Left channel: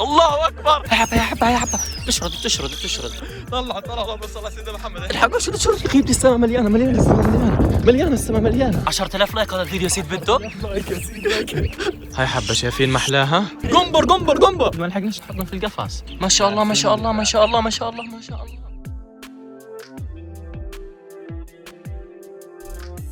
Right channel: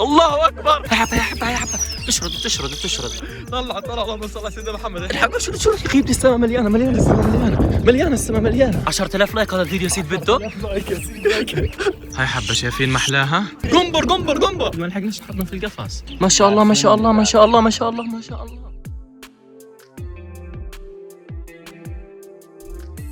الله اكبر. يا حبه يا حبه تشرد. طلع اللهم صل على سيدنا محمد. الحق شرد يا اخي، السما مليانه السما مليانه. 10,000 لايك هذا الفيديو سيد بده. 10,000 لايك يا سيدي لايك. هاي حبه شايفين محلاها. قنبر ما لحقناش نحطنا في القفص. ما شاء الله.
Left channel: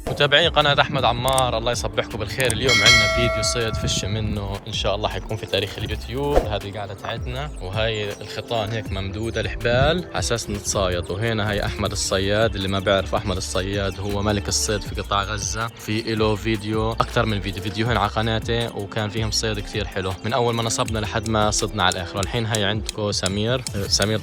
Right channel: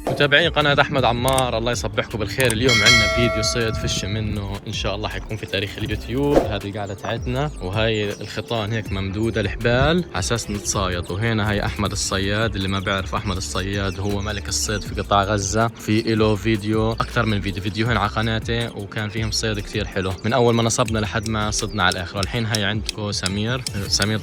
متابعين قناة أحمد عمار، الله يصبحكم بالخير. اليوم عندنا فيديو صيد فش منه إن شاء الله حيكون في تاريخ اليوتيوب. هذه قاعدة عندنا وهاي الخيطان هيك ممدودة الحبال على أساس نتصايد. وهنا هاي أحمد الصياد، اللي ما بيعرف أحمد الصياد هو ملك الصيد في قطاع غزة. في له فيديو أكثر من فيديوهين على قناته وكان فيهم صيد كثير حلو من أول ما نصبنا لحد ما صدنا على الآخر. الحين هاي عندكم سمير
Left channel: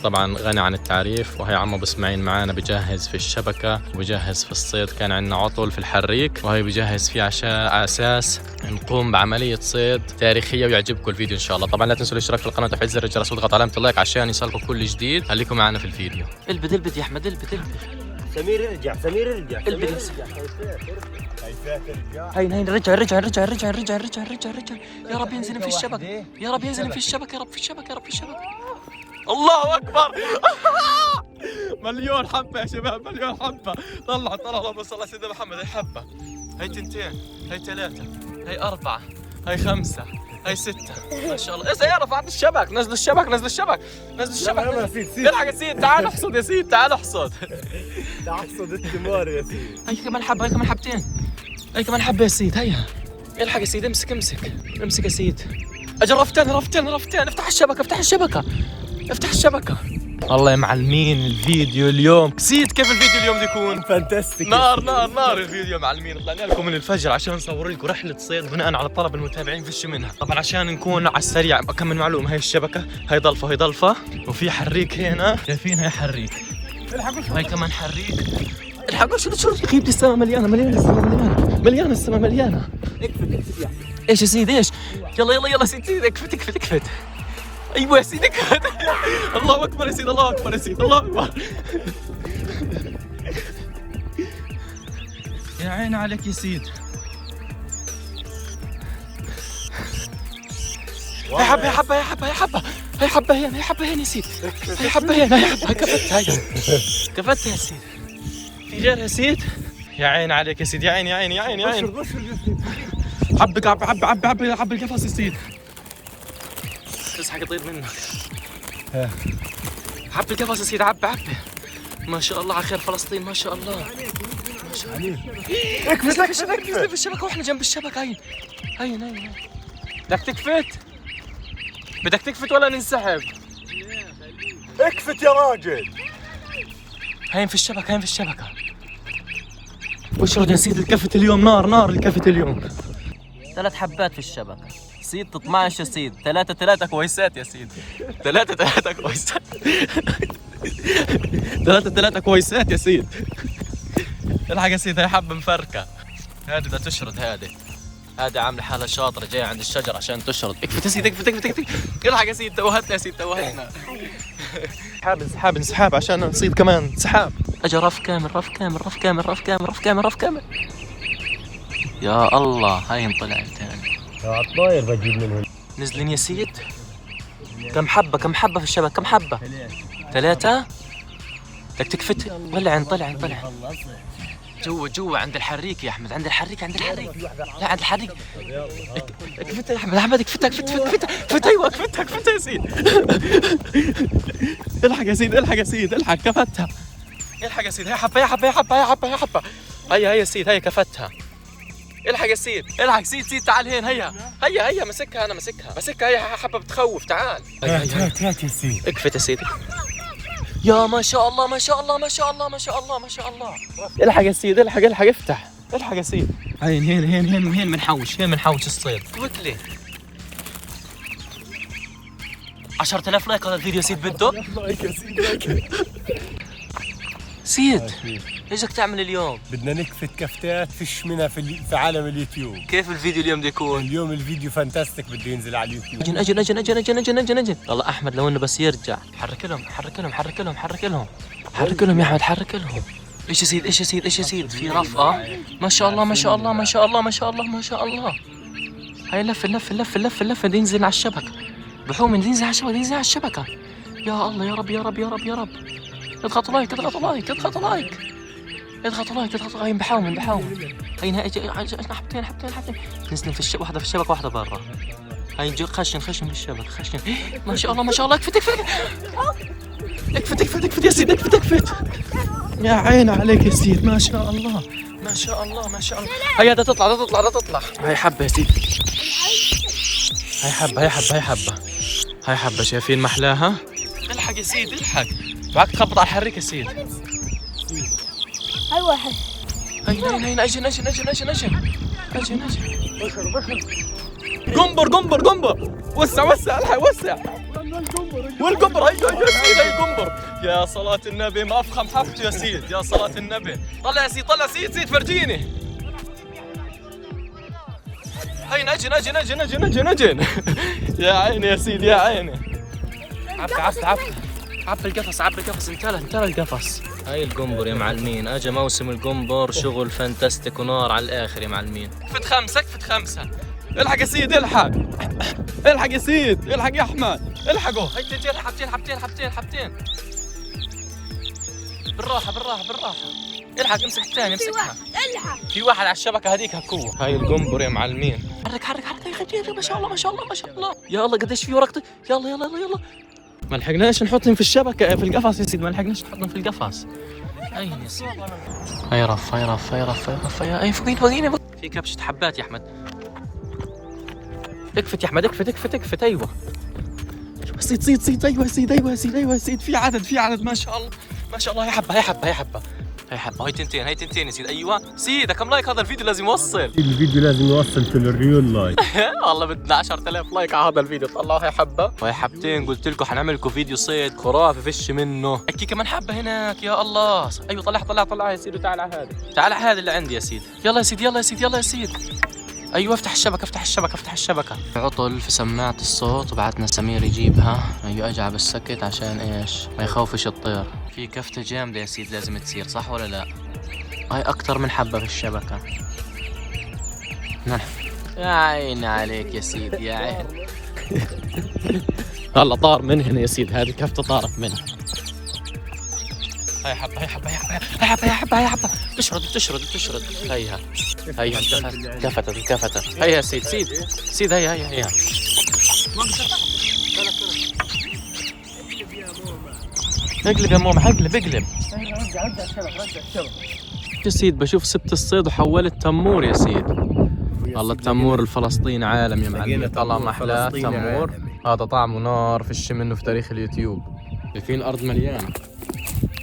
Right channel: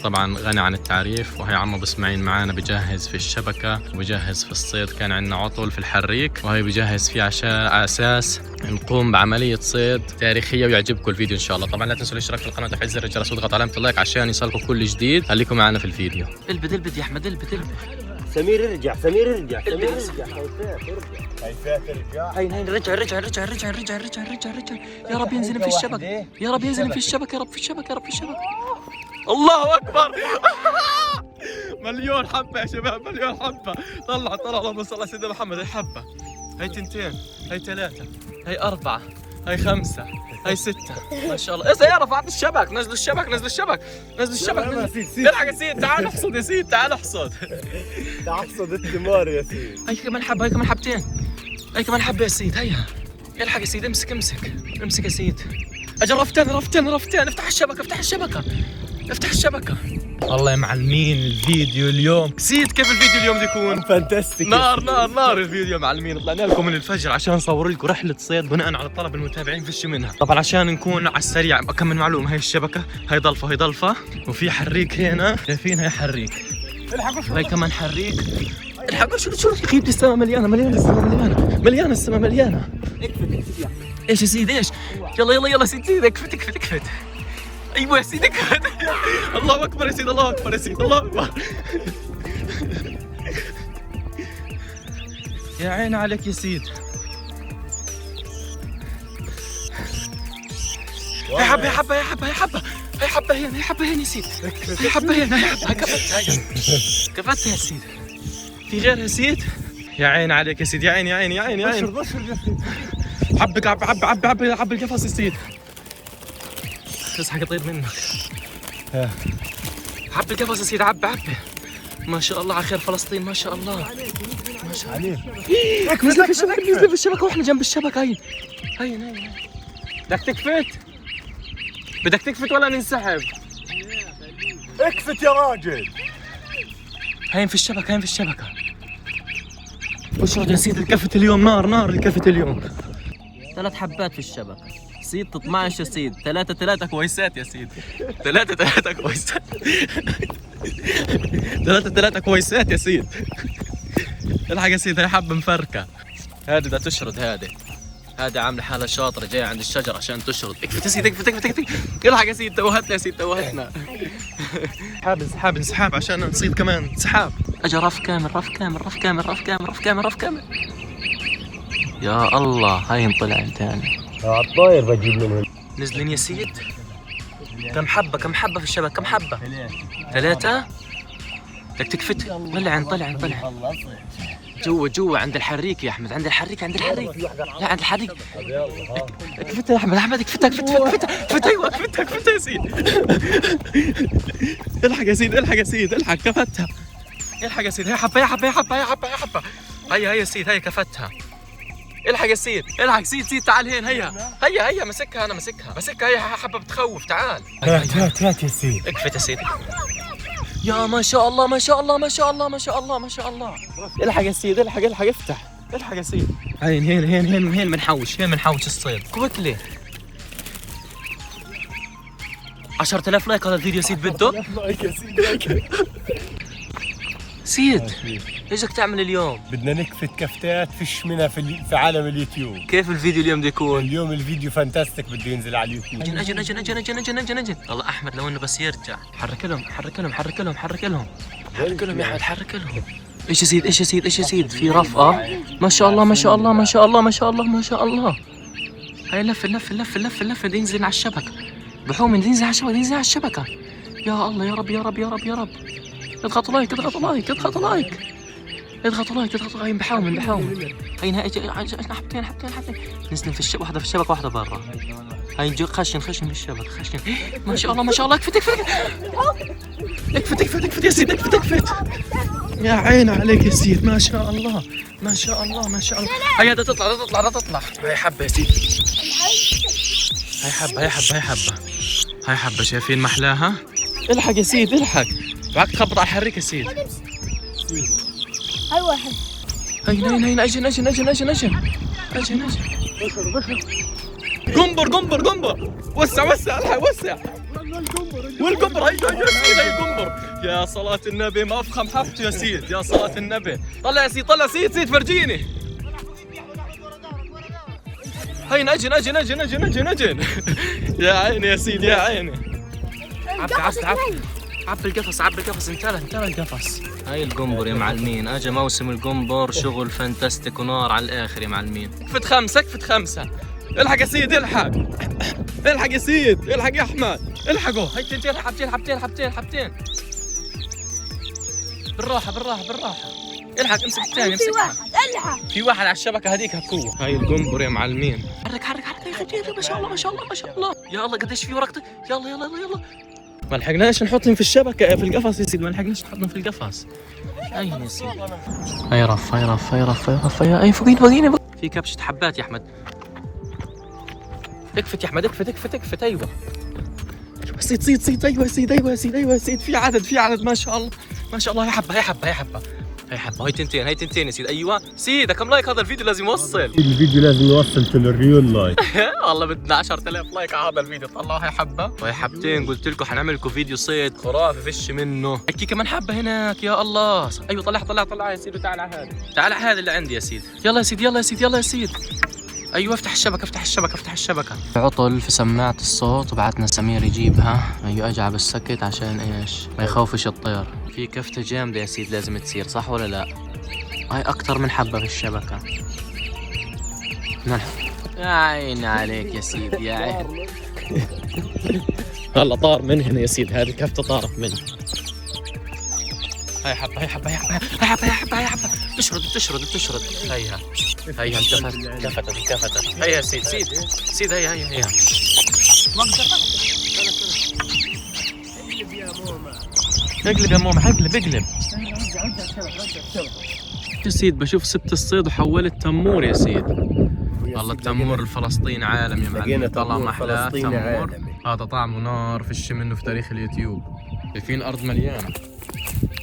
طبعا غني عن التعريف، وهي عمو بسمعين معانا بجهز في الشبكة وبجهز في الصيد. كان عندنا عطل في الحريك وهي بجهز فيه على اساس نقوم بعمليه صيد تاريخيه ويعجبكم الفيديو ان شاء الله. طبعا لا تنسوا الاشتراك في القناه وتفعيل زر الجرس واضغط علامه اللايك عشان يوصلكم كل جديد. خليكم معنا في الفيديو. البد يا احمد البد. سمير ارجع. هاي رجع. يا رب ينزل في الشبكه، يا رب في الشبكه. الله اكبر. مليون حبة يا شباب، مليون حبة. طلع اللهم صل على سيدنا محمد. هاي حبة، هاي 2، هاي 3، هاي 4، هاي 5، هاي 6. ما شاء الله. ايه يا رفعت الشبك. نزل الشبك. الحق يا سيد، تعال احصد يا سيد، تعال احصد الثمار يا سيدي. هاي كمان حبة، هاي كمان حبتين، هاي كمان حبة يا سيد. هيا الحق يا سيد، امسك يا سيد. اجل رفتين. افتح الشبكة. والله يا معلمين الفيديو اليوم سيد. كيف الفيديو اليوم بيكون؟ فانتاستيك. نار الفيديو يا معلمين. طلعنا لكم من الفجر عشان نصور لكم رحلة صيد بناء على طلب المتابعين في منها. طبعا عشان نكون على السريع اكمل معلومة. هاي الشبكة، هاي ضلفة وفي حريك هنا، شايفين هاي حريك، هاي كمان حريك. الحق شو كيف السما مليانة السما مليانة. اكفت. ايش يا سيدي ايش؟ يلا سيدي اكفت. ايوه يا سيدي اكفت. الله اكبر يا سيدي، الله اكبر. يا عين عليك يا سيد. يا حبة هنا يا سيد. هي حبة هنا كفتها يا سيد. في جارها يا سيد. يا عين عليك يا سيد، يا عين. حبك عب القفص يا سيد. بس حق يطير منك. عب القفص يا سيد، عب. ما شاء الله على خير فلسطين، ما شاء الله. نزل في الشبكة واحنا جنب الشبكة. هاي بدك تكفت ولا ننسحب؟ اكفت يا راجل. هاين في الشبكة. وش يا سيد الكفت اليوم؟ نار الكفت اليوم. 3 حبات في الشبكة سيد. 12 يا سيد. 3 كويسات يا سيد. 3 كويسات. 3 كويسات يا سيد. الحق يا سيد، هاي حبة مفركة. هذه بدها تشرد. هذه عاملة حالة شاطرة جاية عند الشجر عشان تشرد. اكفت يا سيد، اكفت. الحق يا سيد، توهتنا. انسحاب عشان نصيد كمان. انسحاب. اجى رف كامل. يا الله، هاي انطلع ثاني. الطاير بجيب منهم. نزلين يا سيد. كم حبة في الشبكة؟ كم حبة؟ 3. بدك تكفت ولا طلع جوا عند الحريك يا احمد. عند الحريك. لا عند الحريك. اكفتها يا احمد. اكفتها. ايوه اكفتها يا سيد. الحق يا سيد. كفتها. الحق يا سيد. هي حبة. هي يا سيد، هي كفتها. الحق يا سيد. سيد تعال هنا. هيا مسكها. انا مسكها. هي حبة بتخوف. تعال. هات يا سيد. اكفت يا سيد. يا ما شاء الله. الحق يا سيد. افتح. الحق يا سيد. هين بنحوش الصيد. كويكلي. 10,000 لايك هذا الفيديو سيد بده. 10,000 لايك يا سيدي لايك. سيد ايش بدك تعمل اليوم؟ بدنا نكفت كفتات فيش منها في عالم اليوتيوب. كيف الفيديو اليوم بده يكون؟ اليوم الفيديو فانتاستيك، بده ينزل على اليوتيوب. اجل. والله احمد لو انه بس يرجع. حرك لهم يا احمد، حرك لهم. ايش يا سيد؟ في رف. ما شاء الله. هاي لف. بده ينزل على الشبكة. بحومن دينزل على الشبكة، دينزل على الشبكة. يا الله يا رب يا رب يا رب يا رب. اضغطوا لايك اضغطوا لايك اضغطوا لايك اضغطوا لايك اضغطوا لايك. بحومن هاي نهاية حبتين. نزلوا في الشبكة، واحدة في الشبكة واحدة برا. هاي خشن في الشبكة خشن. ما شاء الله ما شاء الله. اكفت يا سيد اكفت. يا عين عليك يا سيد ما شاء الله ما شاء الله ما شاء الله. هيا بدها تطلع. هاي حبة يا سيد. هاي حبة شايفين محلاها؟ الحق يا سيد الحق. معك تخبط على الحريك يا سيد. هاي واحد. هاي اجن. قنبر. وسع الحق وسع. والقنبر هاي القنبر. يا صلاة النبي ما افخم حبته يا سيد. يا صلاة النبي. طلع يا سيد فرجيني. هاي اجن. يا عيني يا سيد يا عيني. عب القفص انتهى القفص. هاي القنبر يا معلمين. اجا موسم القنبر شغل فانتستيك ونار على الاخر يا معلمين. كفت خمسة. الحق يا سيد الحق يا سيد الحق يا احمد الحقوا. هاي تنتين حبتين. بالراحة. الحق امسك الثاني امسكها. في واحد على الشبكة هذيك هكوه. هاي القنبر يا معلمين. حرك ما شاء الله. يا الله قديش في ورقتك. يلا ما لحقناش نحطهم في الشبكة في القفص يا سيدي. ما لحقناش نحطهم في القفص. أين يا سيدي؟ هاي رف. أي فوقيني. في كبشة حبات يا أحمد. اكفت يا أحمد اكفت. أيوة صيد. أيوة يا سيد. في عدد ما شاء الله. هاي حبة. هاي تنتين يا سيد. أيوة سيد كم لايك هذا الفيديو لازم يوصل. الفيديو لازم يوصل للريول لايك. والله بدنا 10,000 لايك على هذا الفيديو. طلعوا هاي حبة وهي حبتين. قلت لكم حنعمل لكم فيديو صيد خرافي فيش منه. هيك كمان حبة هناك. يا الله. أيوة طلع يا سيد. تعال على هذا اللي عندي يا سيد. يلا يا سيد. أيوة افتح الشبكة. عطل في سماعة الصوت وبعتنا سمير يجيبها. أيوة أجعب السكت عشان إيش ما يخوفش الطير. في كفتة جامدة يا سيد لازم تصير صح ولا لا؟ هاي أكتر من حبة في الشبكة. يا عين عليك يا سيد يا عين. هلا طار من هنا يا سيد. هذه كفتة طارت منها. هاي حبة. بتشرد. هيها انتفتت. هيا سيد هيا. اقلب يا ماما اقلب. يا سيد بشوف سبت الصيد وحولت تمور يا سيد. والله التمور الفلسطيني عالم يا معلم. طلع محلاه تمور. هذا طعمه نار فيش منه في تاريخ اليوتيوب. شايفين الارض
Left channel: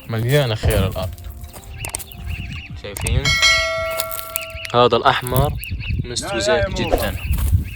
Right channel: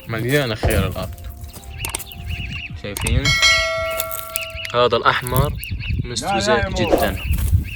مليانة خير الارض. شايفين هذا الاحمر مستوي زيت جدا.